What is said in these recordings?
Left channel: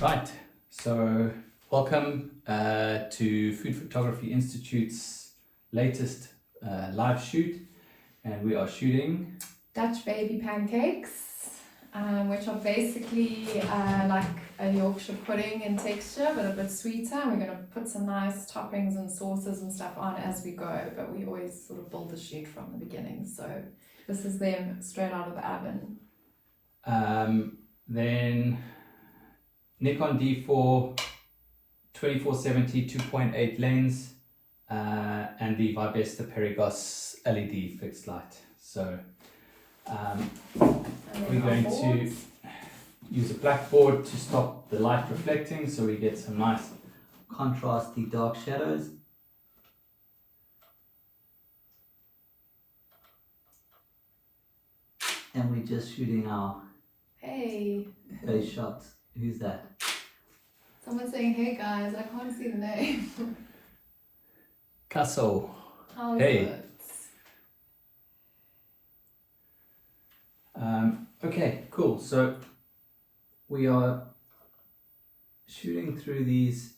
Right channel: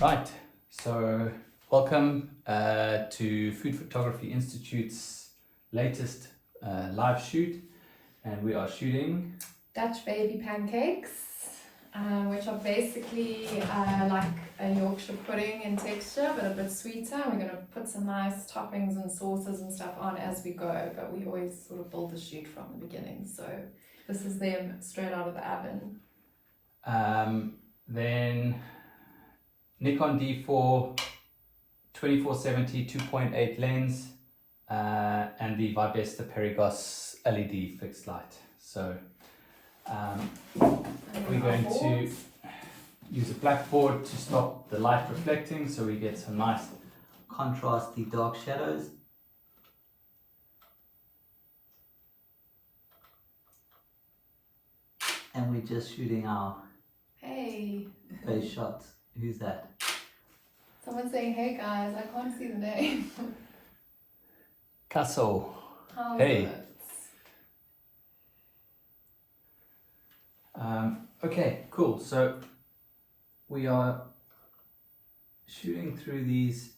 Right, so welcome to Food Photography Institute's latest live shoot, and we are shooting Dutch baby pancakes, which are basically like a Yorkshire pudding in texture, but a bit sweeter. We're going to put some nice toppings and sauces and stuff on as we go, but we always sort of build the shoot from the beginning. So this is them straight out of the oven. Then Nikon D4 2470 2.8 lens and the Vibesta Perigos LED fixed light. So we're going to use a blackboard to stop the light reflecting, so we get some nice contrasty dark shadows. And we're just shooting our base shots. Who's that? Someone's saying, hey guys, I can't see the name. Castle. How's Hey. it? Okay, cool. So we are shooting through these,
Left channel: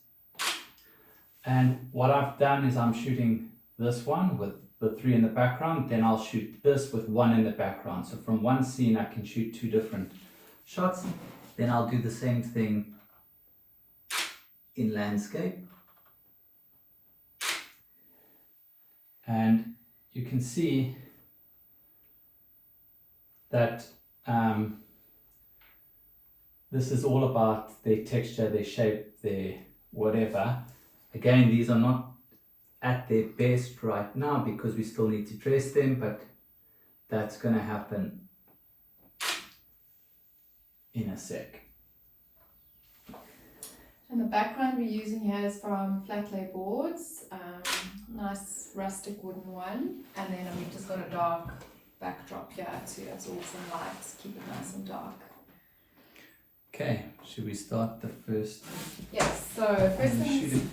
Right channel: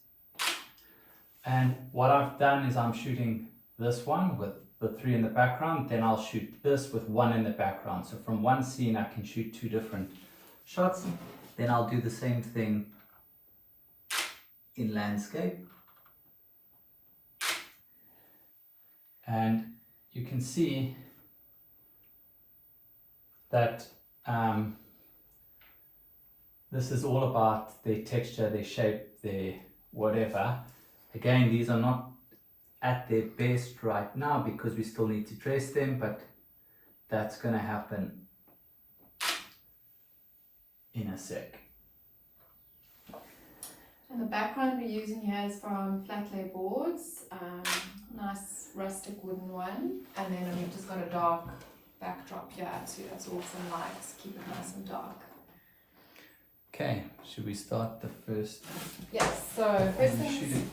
and what I've done is I'm shooting this one with the three in the background, then I'll shoot this with one in the background. So from one scene I can shoot two different shots. Then I'll do the same thing in landscape. And you can see that this is all about their texture, their shape, their whatever. Again, these are not at their best right now because we still need to dress them, but that's going to happen in a sec. And the background we're using here is from flat lay boards, nice rustic wooden one, and then we've just got a dark backdrop here too. That's all some lights, keep it nice and dark. Okay, should we start the first? Yes, so first thing.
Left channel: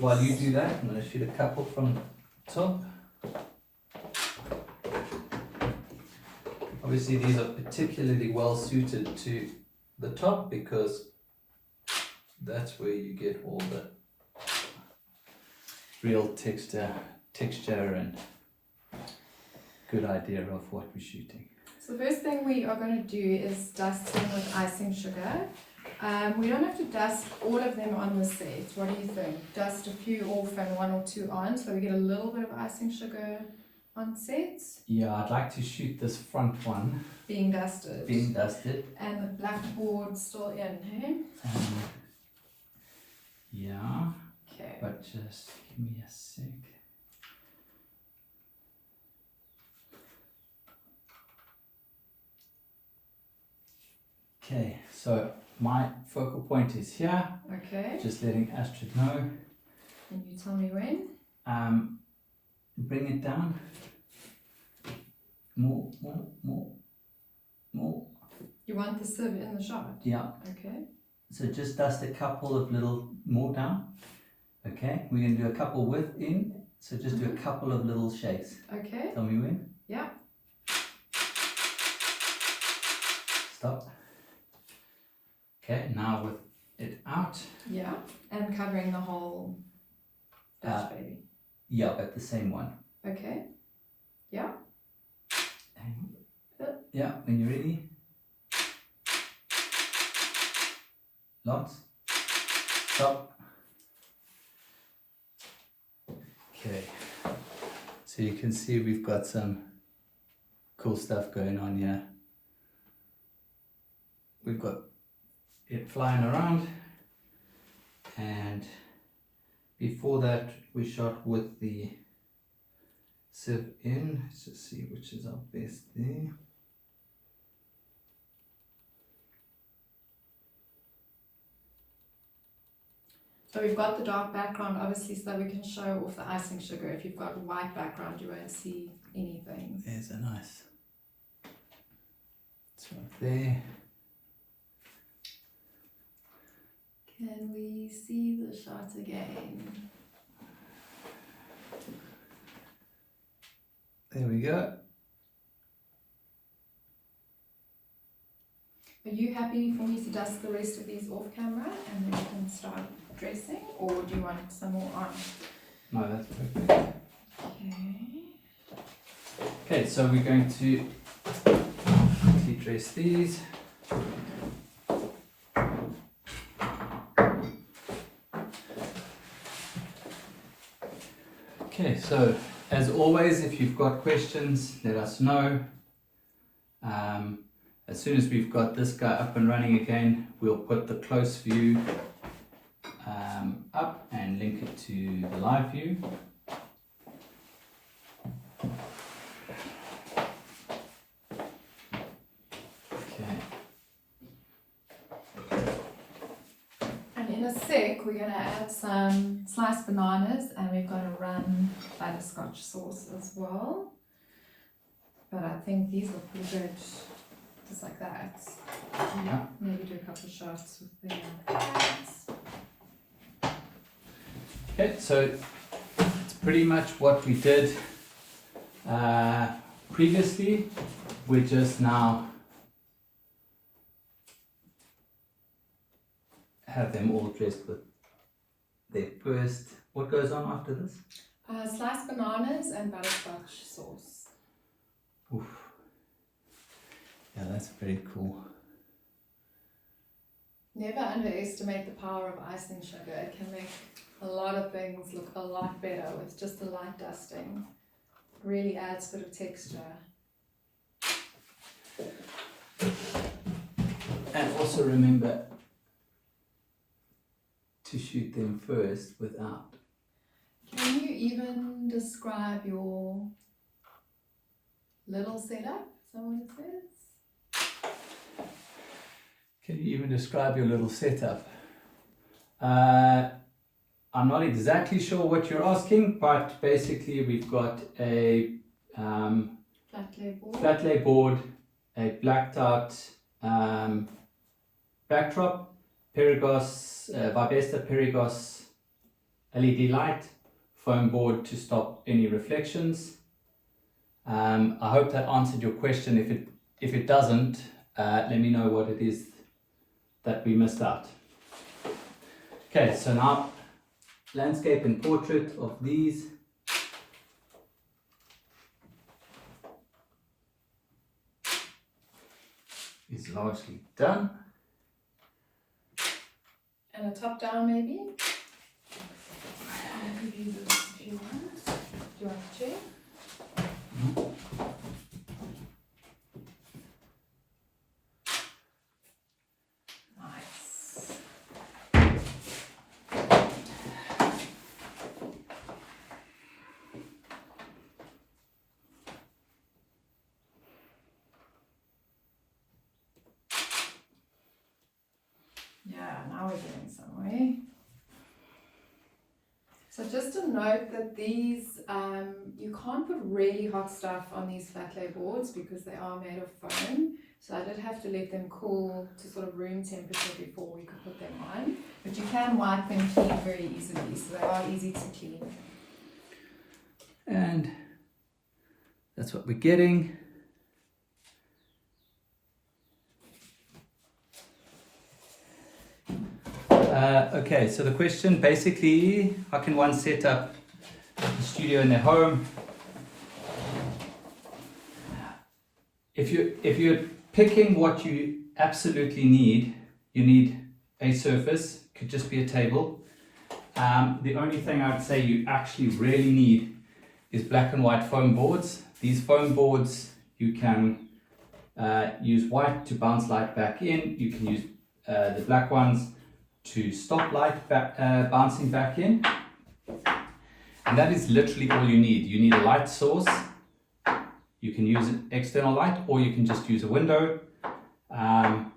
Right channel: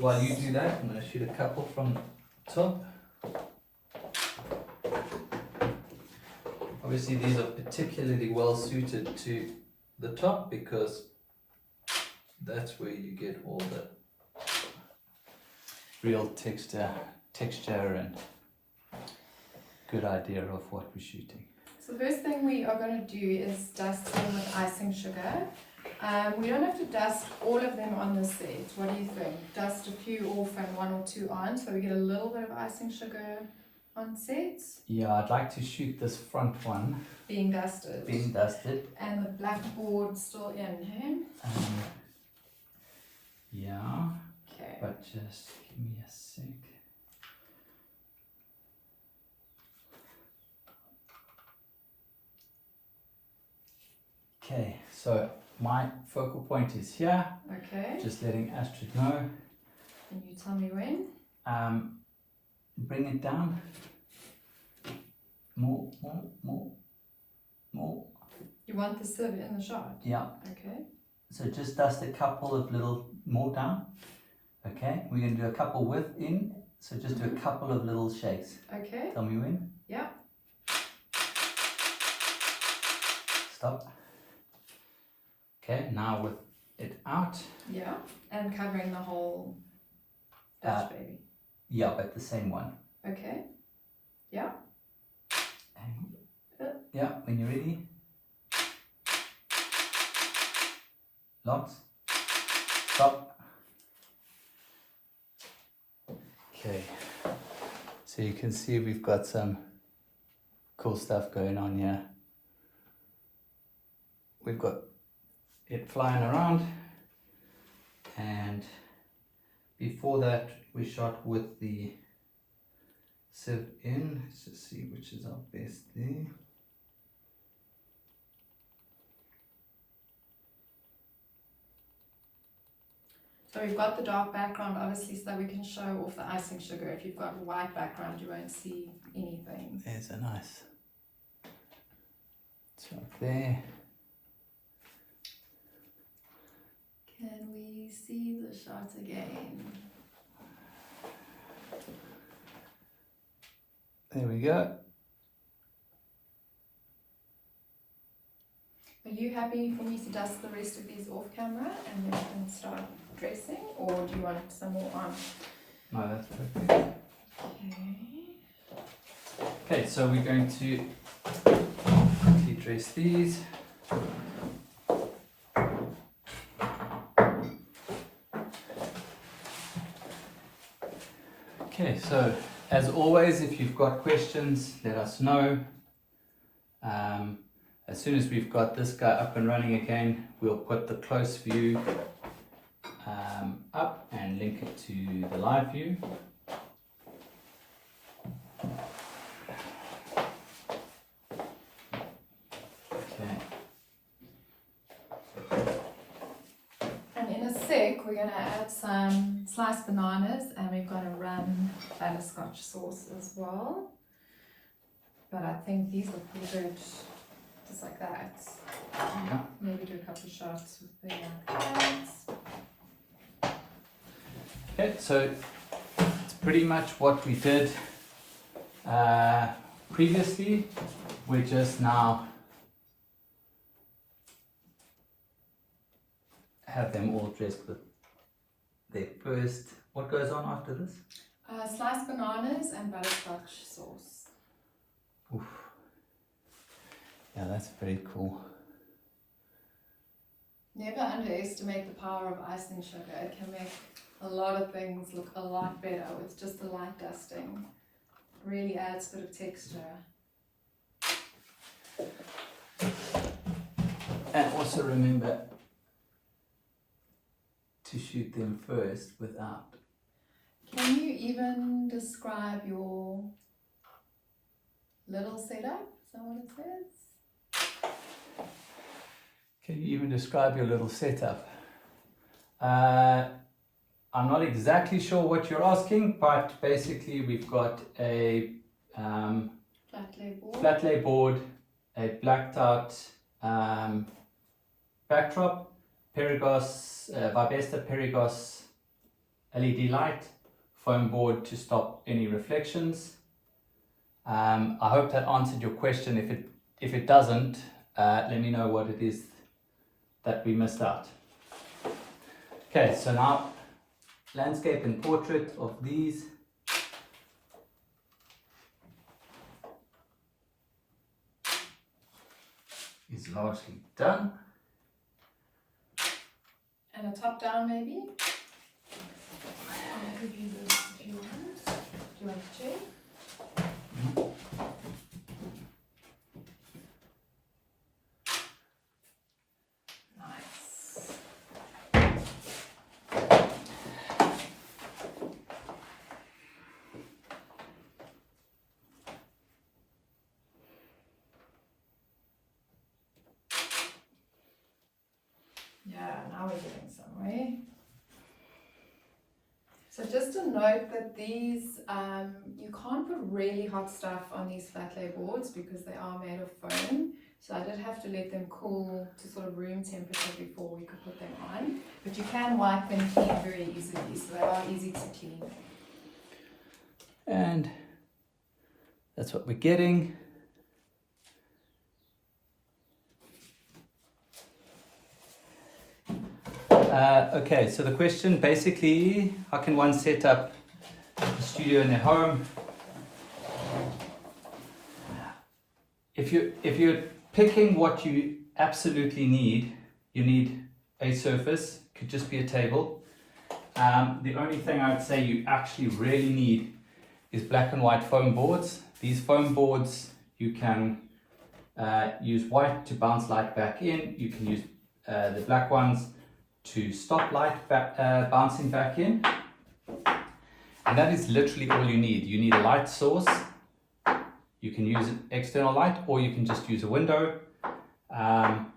While you do that, I'm going to shoot a couple from the top. Obviously these are particularly well suited to the top because that's where you get all the real texture and good idea of what we're shooting. So the first thing we are going to do is dust them with icing sugar. We don't have to dust all of them on the set. What do you think? Dust a few off and one or two on, so we get a little bit of icing sugar on set. Yeah, I'd like to shoot this front one Being dusted. And the blackboard still in, hey? Yeah. Okay. But just give me a sec. Okay, so my focal point is here. Okay. Just letting Astrid know. And you tell me when? Bring it down. More. You want the sieve in the shot? Yeah. Okay. So just dust a couple of little more down. Okay, we're going to do a couple within. So just do a couple of little shakes. Okay. Tell me when. Yeah. Stop. Okay, now with it out. Yeah. And covering the whole Dutch baby. Yeah, but the same one. Okay. Yeah. Yeah, when you're ready. Lots. Stop. Okay. So you can see we've got some cool stuff going on here. We've got it flying around, and before that we shot with the sieve in. Let's just see which is our best there. So we've got the dark background obviously so that we can show off the icing sugar. If you've got a white background you won't see anything. There's a nice. It's right there. Can we see the shot again? There we go. Are you you happy for me to dust the rest of these off camera and then we can start dressing, or do you want some more on? No, that's perfect. Okay. Okay, so we're going to dress these. Okay, so as always, if you've got questions, let us know. As soon as we've got this guy up and running again, we'll put the close view up and link it to the live view. Okay. And in a sec, we're going to add some sliced bananas, and we're going to run butterscotch sauce as well. But I think these are pretty good, just like that. Yeah. Maybe do a couple of shots with the carrots. Okay, so it's pretty much what we did previously. We just now have them all dressed with their first. What goes on after this? Sliced bananas and butterscotch sauce. Oof. Yeah, that's very cool. Never underestimate the power of icing sugar. It can make a lot of things look a lot better with just a light dusting. Really adds a bit of texture. And also remember to shoot them first without. Can you even describe your little setup? Is that what it says? Can you even describe your little setup? I'm not exactly sure what you're asking, but basically we've got a flat lay board, a blacked out backdrop, Vibesta Perigos LED light, foam board to stop any reflections. I hope that answered your question. If it doesn't, let me know what it is that we missed out. Okay, so now landscape and portrait of these. Is largely done. And a top down maybe? I could use this if you want. Do you want a chair? Yeah, now we're getting somewhere. So just a note that these, you can't put really hot stuff on these flat lay boards because they are made of foam. So I did have to let them cool to sort of room temperature before we could put them on. But you can wipe and clean very easily, so they are easy to clean. And that's what we're getting. Okay, so the question basically, how can one set up a studio in their home? If you're picking what you absolutely need, you need a surface, could just be a table. The only thing I would say you actually really need is black and white foam boards. These foam boards, you can use white to bounce light back in. You can use the black ones to stop light bouncing back in. And that is literally all you need. You need a light source. You can use an external light, or you can just use a window. And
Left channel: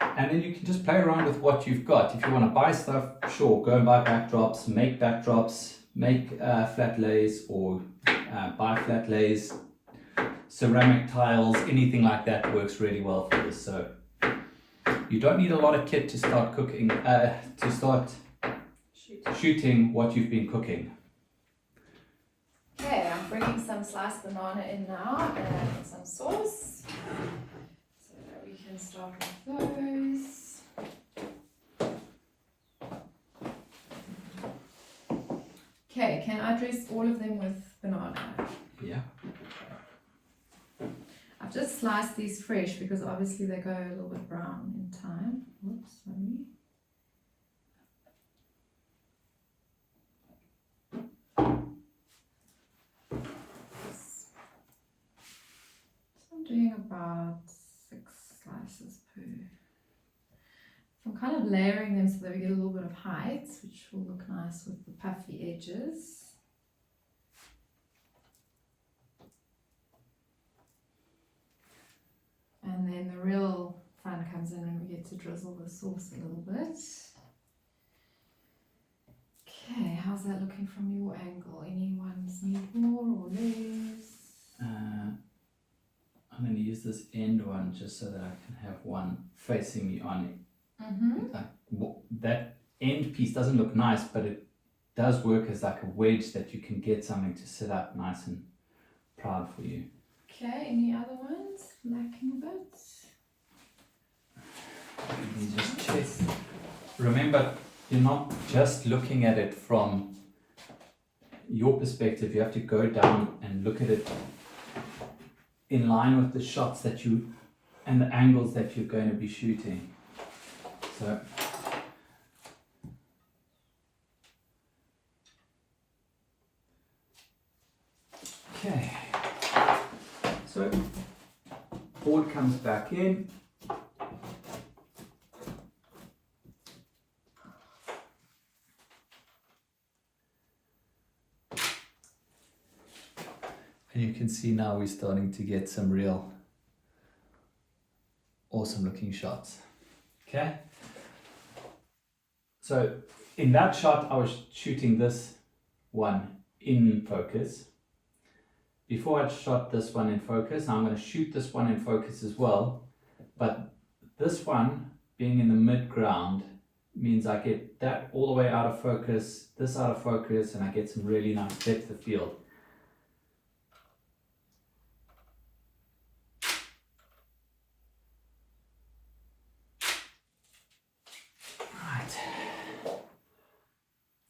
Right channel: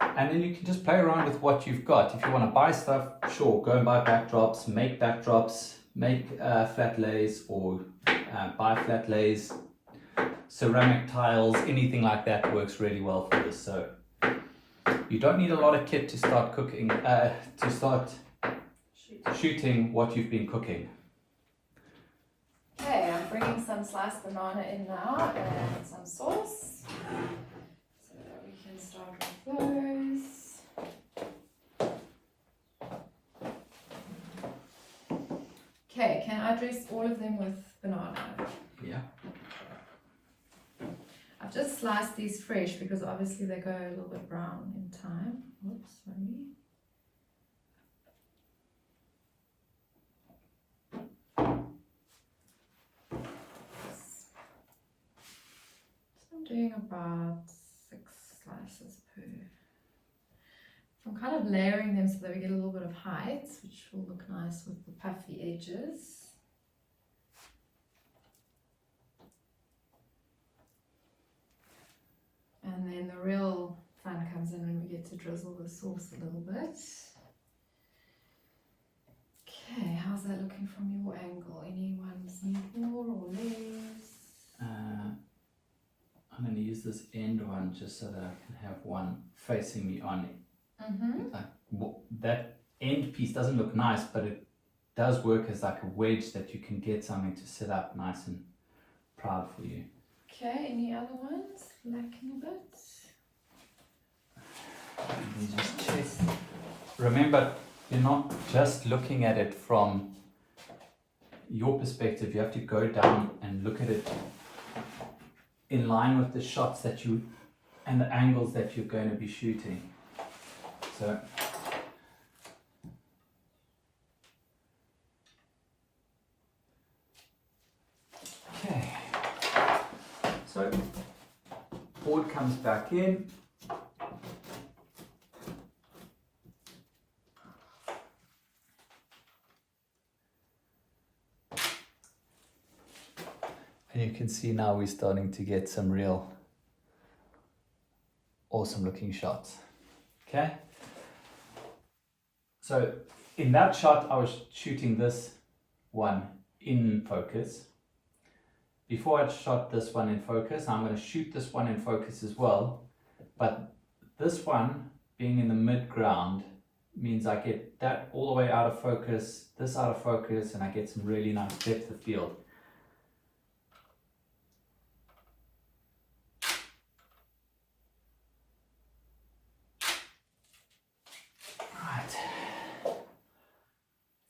then you can just play around with what you've got. If you want to buy stuff, sure, go and buy backdrops, make flat lays, or buy flat lays, ceramic tiles, anything like that works really well for this. So you don't need a lot of kit to start cooking, to start shooting what you've been cooking. Okay, I'm bringing some sliced banana in now and some sauce so that we can can start with those. Okay, can I dress all of them with banana? Yeah. I've just sliced these fresh because obviously they go a little bit brown in time. Whoops, sorry. So I'm doing about 6 slices per. So I'm kind of layering them so that we get a little bit of height, which will look nice with the puffy edges. And then the real fun comes in when we get to drizzle the sauce a little bit. Okay, how's that looking from your angle? Anyone's need more or less? I'm going to use this end one just so that I can have one facing me on it. That end piece doesn't look nice, but it does work as like a wedge that you can get something to sit up nice and proud for you. Okay, any other ones lacking a bit? Let me just check. Remember, you're not just looking at it from your perspective. You have to go down and look at it in line with the shots that you and the angles that you're going to be shooting. So okay, so board comes back in. And you can see now we're starting to get some real awesome looking shots. Okay. So in that shot, I was shooting this one in focus. Before I shot this one in focus, I'm going to shoot this one in focus as well. But this one being in the mid ground means I get that all the way out of focus, this out of focus, and I get some really nice depth of field.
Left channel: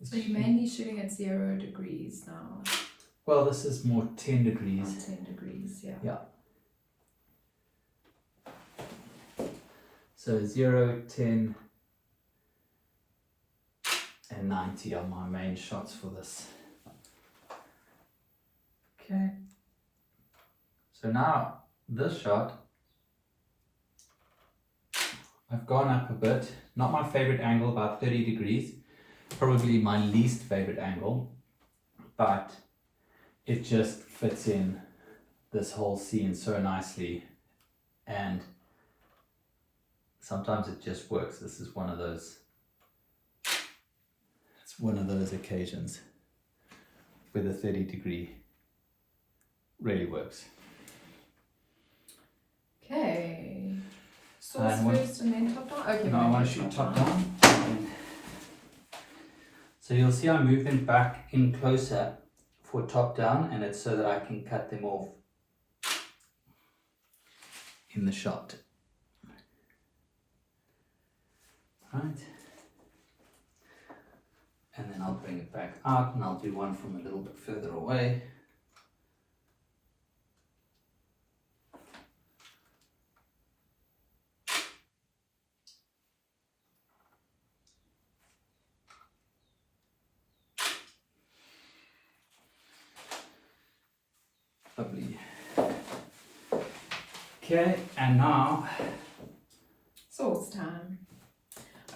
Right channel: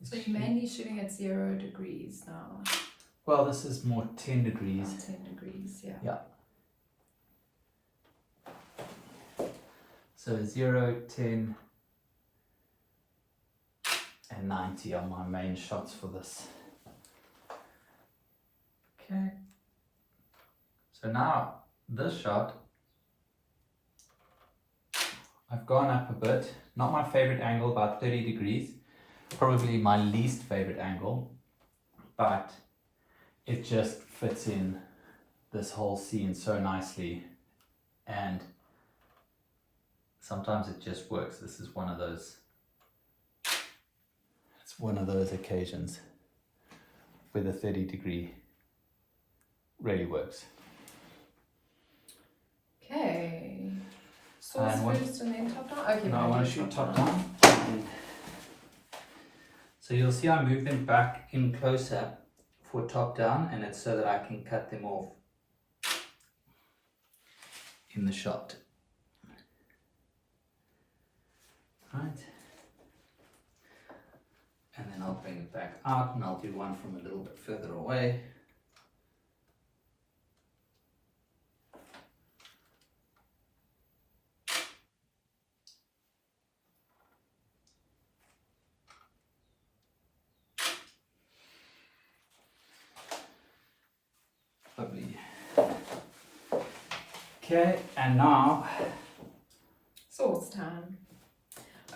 So you're mainly shooting at 0 degrees now? Well, this is more 10 degrees. 10 degrees, yeah. Yeah. So 0, 10, and 90 are my main shots for this. Okay. So now this shot, I've gone up a bit. Not my favorite angle, about 30 degrees. Probably my least favorite angle, but it just fits in this whole scene so nicely, and sometimes it just works. This is one of those, it's one of those occasions where the 30 degree really works. Okay, sauce first and then top down? Okay, no, I want to shoot top down. So you'll see I move them back in closer for top down, and it's so that I can cut them off in the shot. Right. And then I'll bring it back out and I'll do one from a little bit further away. Lovely. Okay, and now sauce time.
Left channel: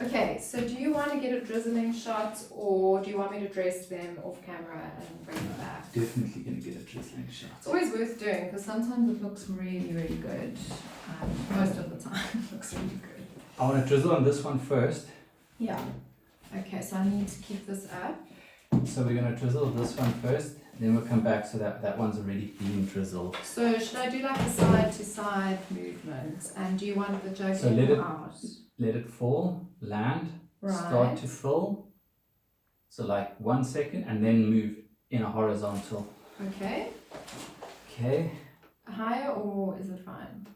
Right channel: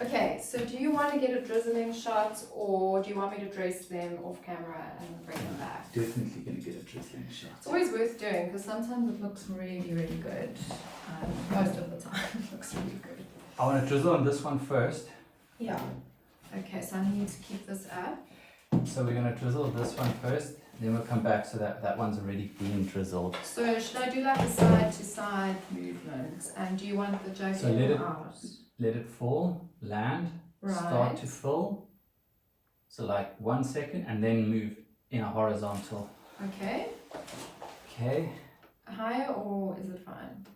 Okay, so do you want to get a drizzling shot, or do you want me to dress them off camera and bring them back? definitely going to get a drizzling shot. It's always worth doing because sometimes it looks really, really good. Most of the time it looks really good. I want to drizzle on this one first. Yeah. Okay, so I need to keep this up. So we're going to drizzle this one first, then we'll come back so that that one's already been drizzled. So should I do like a side to side movement? And do you want the joke So in or out? let it fall, land, Right. start to fill. So like 1 second, and then move in a horizontal. Okay. Okay. Higher or is it fine?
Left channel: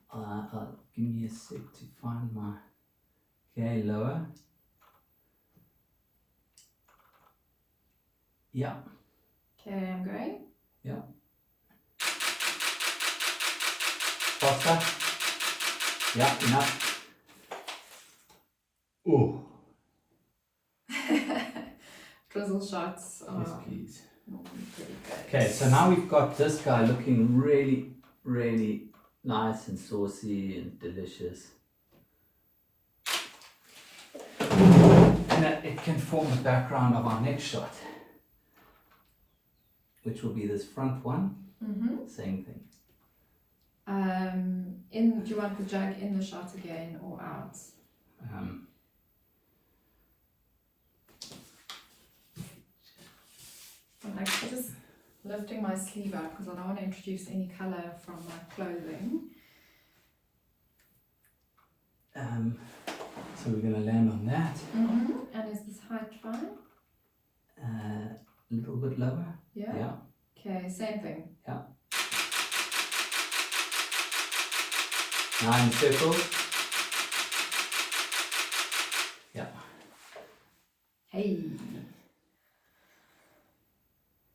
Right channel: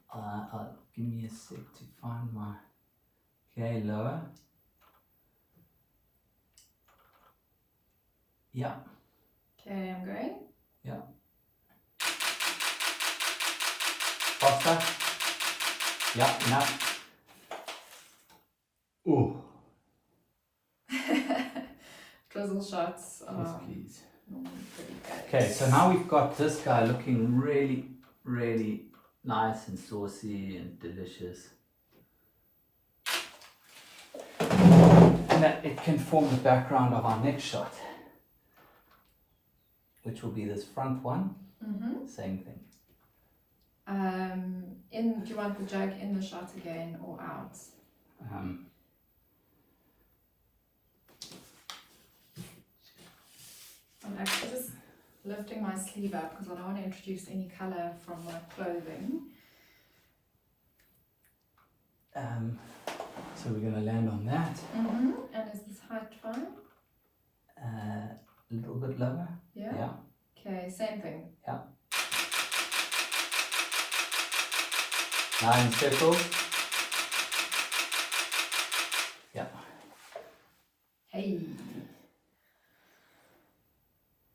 give me a sec to find my, okay, lower. Yeah. Okay, I'm going. Yeah. Faster. Yeah, enough. Ooh. Drizzle shots Yes, are please. normally pretty good. Okay, so now we've got this guy looking really, really nice and saucy and delicious. And that it can form the background of our next shot, which will be this front one. Mm-hmm. Same thing. Do you want the jug in the shot again or out? I'm actually just lifting my sleeve up because I don't want to introduce any colour from my clothing. So we're going to land on that. Mm-hmm. And is this height fine? A little bit lower. Yeah? Yeah. Okay, same thing. Yeah. Now in circles. Yeah. Hey!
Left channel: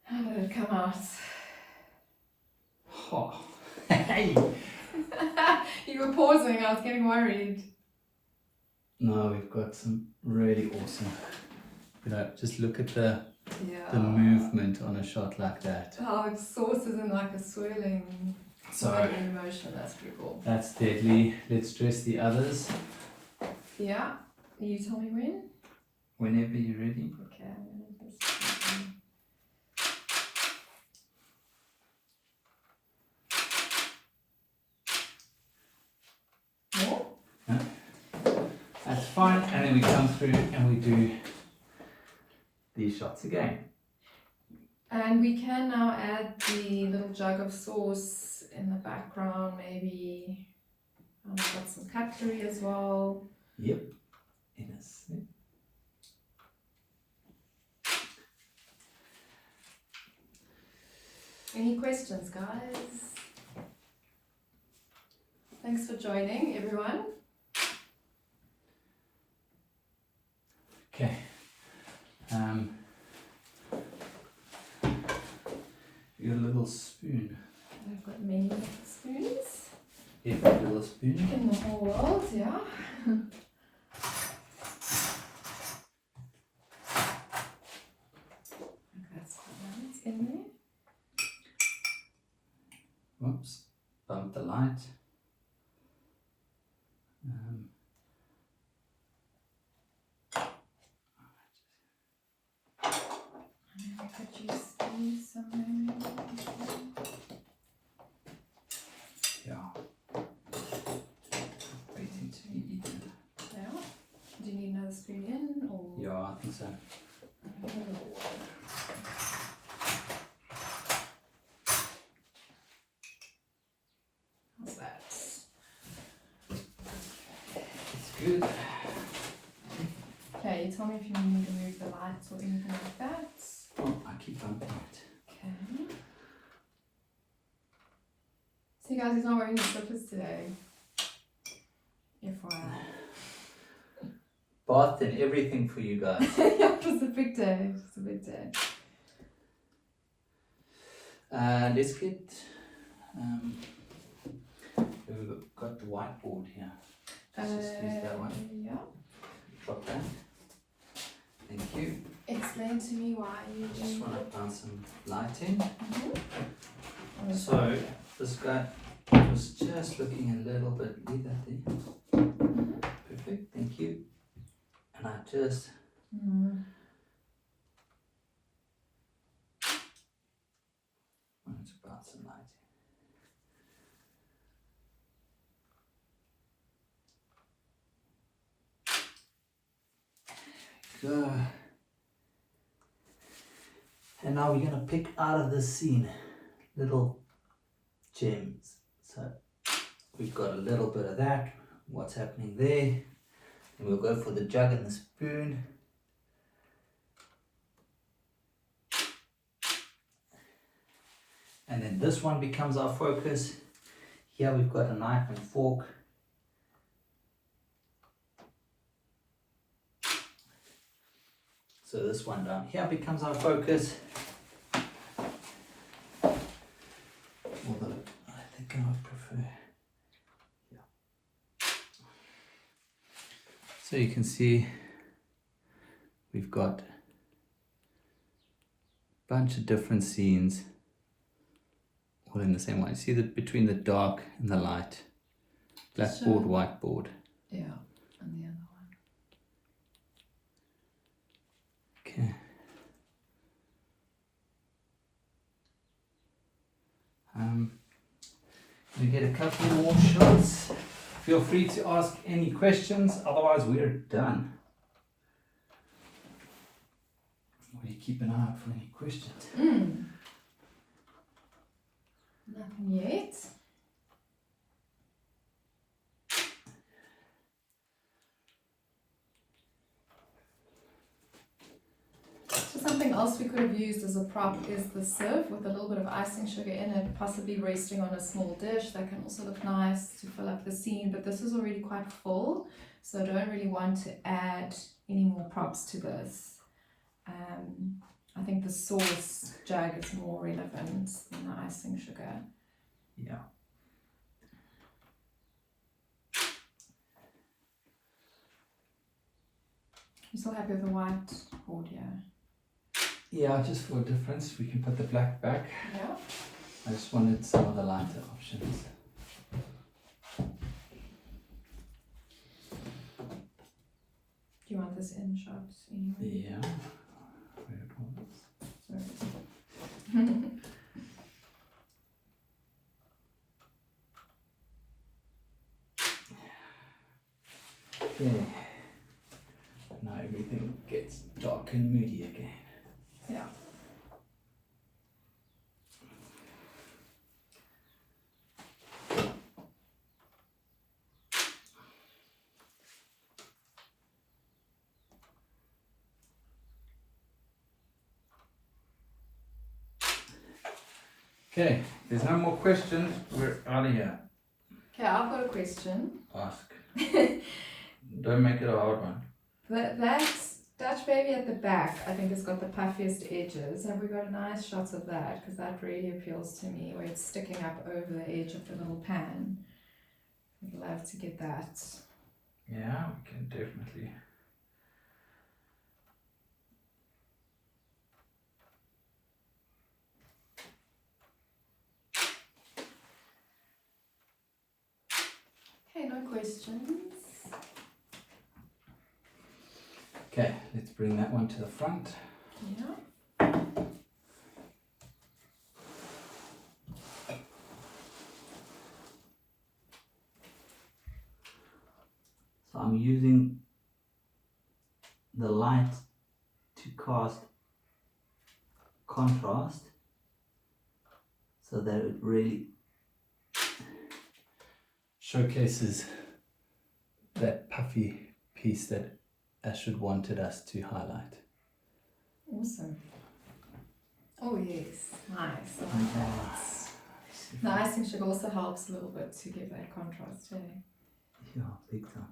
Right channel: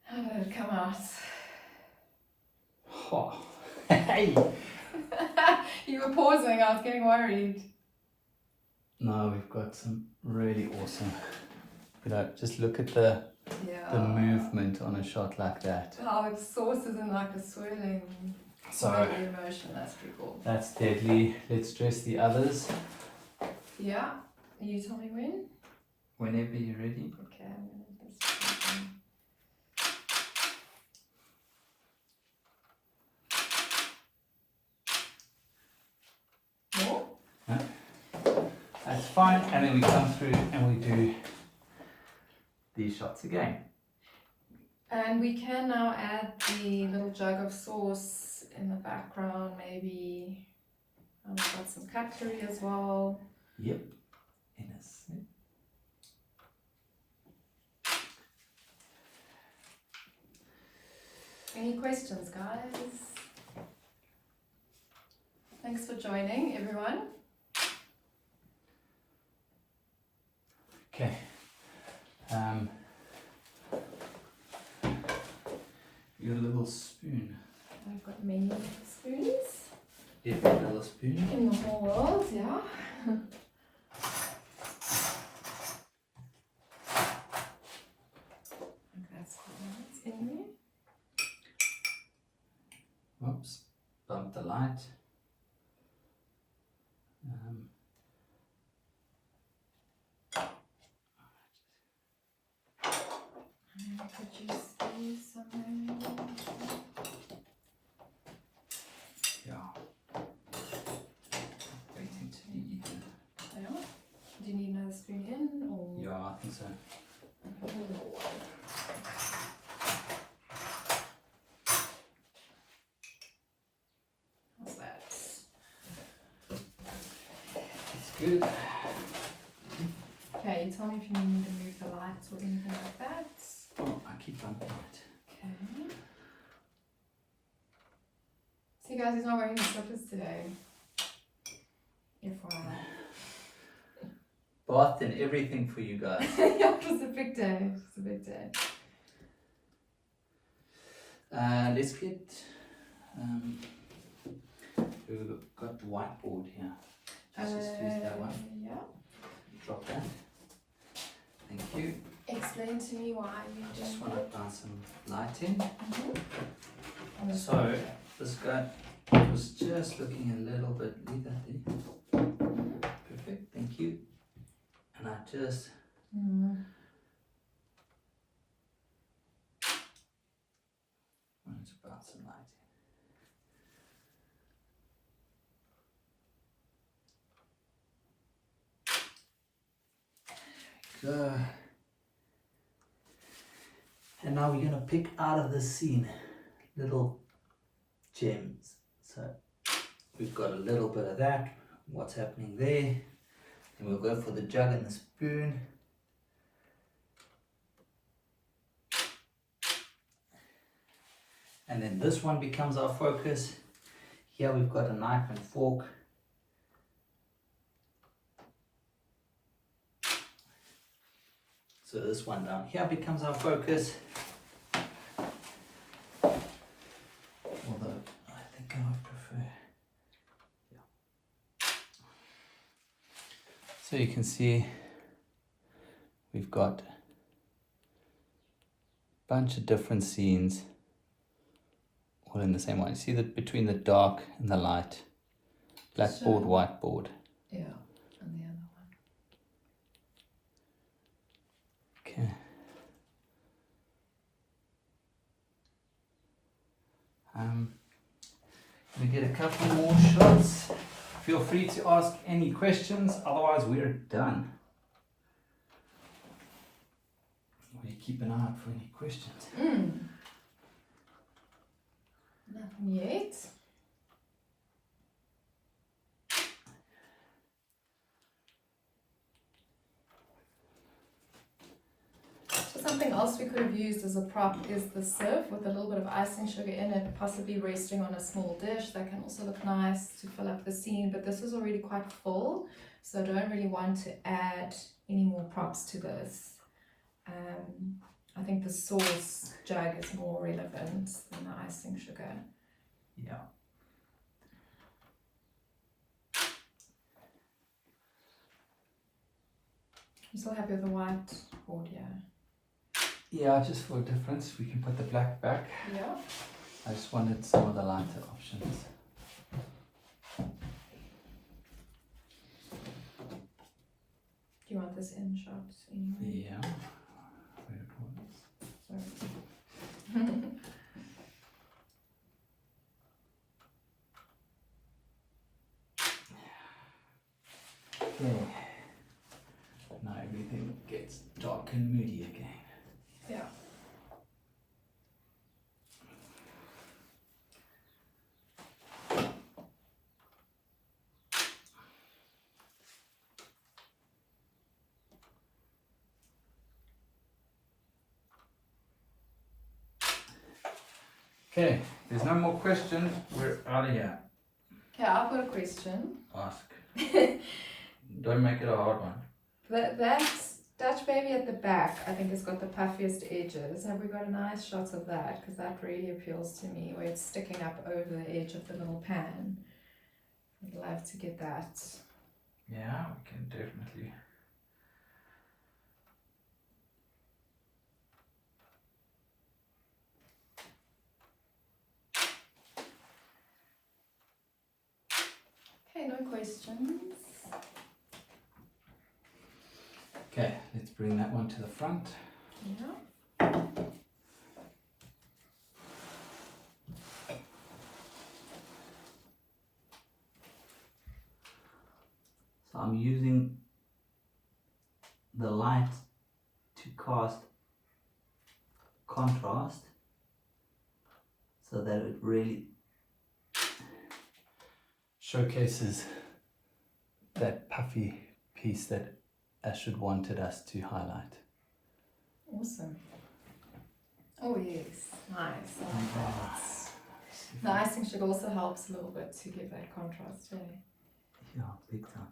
How did it come out? Oh. Hey! You were pausing, I was getting worried. No, we've got some really awesome. You know, just look at the Yeah. movement on a shot like that. How the sauce is in like a swirling emotion, that's pretty cool. That's deadly. Let's dress the others. Yeah, you tell me when? Whenever you're ready. Okay, I'm gonna just... More? That's fine, and then we come through and we do these shots again. And we can now add the little jug of sauce in the background, maybe. I've got some cutlery as well. Yep. In a sec. Any questions, guys? Thanks for joining, everyone. Okay. Your little spoon. I've got many spoons Every little spoon. in the whole world, yeah. That's right in there. Whoops. Bump the light. I could just use some. Yeah. Waiting to be eaten. Yeah. Do you need another spoon in or? Yeah, I think so. A little one. How's that? It's good. Okay, you tell me if you need me to move the lights or anything like that. Oh, I keep bumping it. Okay. See guys, he's not wearing his slippers today. FYI. Bath and everything for you guys. Yeah, it was a big day. It was a big day. Let's get. We've got the whiteboard here. Just use that one. Yeah. Drop that. Thank you. Explain to me why you Just do want it. to bounce some light in. Mm-hmm. So this guy was just looking a little bit. Leave that there. Mm-hmm. Perfect. Thank you. And I just. Mm. wanted to bounce some light in. Go. And now we're going to pick out of this scene little gems. So we've got a little bit of that, what's happening there. And we'll go for the jug and the spoon. And then this one becomes our focus. Here we've got a knife and fork. So this one down here becomes our focus. Although I think I would prefer. Yeah. So you can see we've got a bunch of different scenes all in the same one. See that between the dark and the light, blackboard, whiteboard. Yeah, and the other one. Okay. We get a couple more shots. Feel free to ask any questions, otherwise we're done. We keep an eye out for any questions. Nothing yet. So something else we could have used as a prop is the sieve with a little bit of icing sugar in it, possibly resting on a small dish. That can also look nice to fill up the scene, but this is already quite full, so I don't really want to add any more props to this. I think the sauce jug is more relevant than the icing sugar. Yeah. You still happy with the white board, yeah? Yeah, just for a difference, we can put the black back. Yeah. I just wanted some of the lighter options. Do you want this in shot anyway? Yeah. Sorry. Okay. Now everything gets dark and moody again. Yeah. Okay, there's no more questions. We're out of here. Okay, I've got a question. Ask. Don't make it a hard one. That Dutch baby at the back, I think, has got the puffiest edges. Have we got a nice shot of that? Because that really appeals to me, where it's sticking up over the edge of the little pan. I'd love to get that. Yeah, we can definitely. Okay, no questions. Okay, let's bring that one to the front. Yeah. So I'm using the light to cast contrast so that it really showcases that puffy piece that Astrid wanted us to highlight. Awesome. Oh yes, nice. I like like that. The icing sugar also helps a little bit to give that contrast too. Yeah, big time.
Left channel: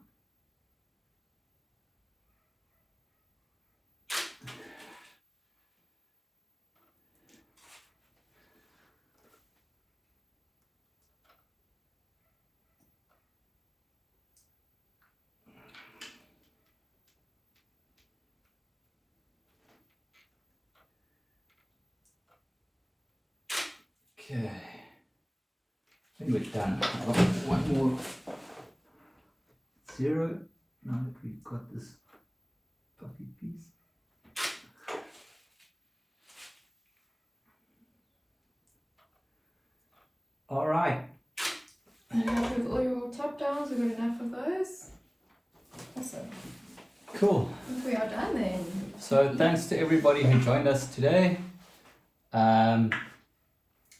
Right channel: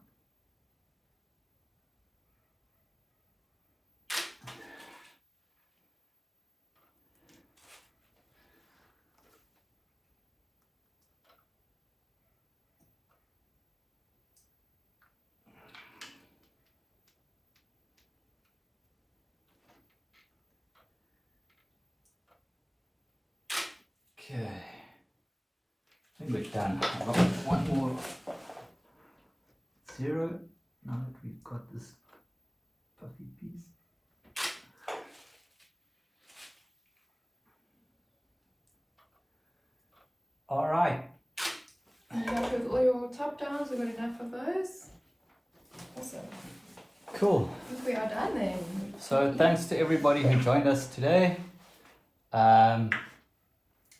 Okay, I think we're done. I've got one more zero now that we've got this puffy piece. All right. And you happy with all your top downs? We've got enough of those? Awesome. Cool. I think we are done then. So thanks to everybody who joined us today.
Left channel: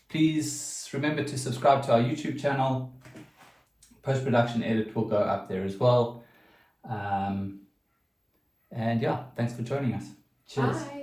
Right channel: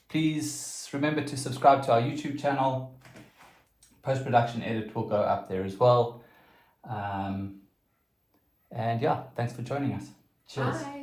Please remember to subscribe to our YouTube channel. Post-production edit will go up there as well. And yeah, thanks for joining us. Cheers. Bye.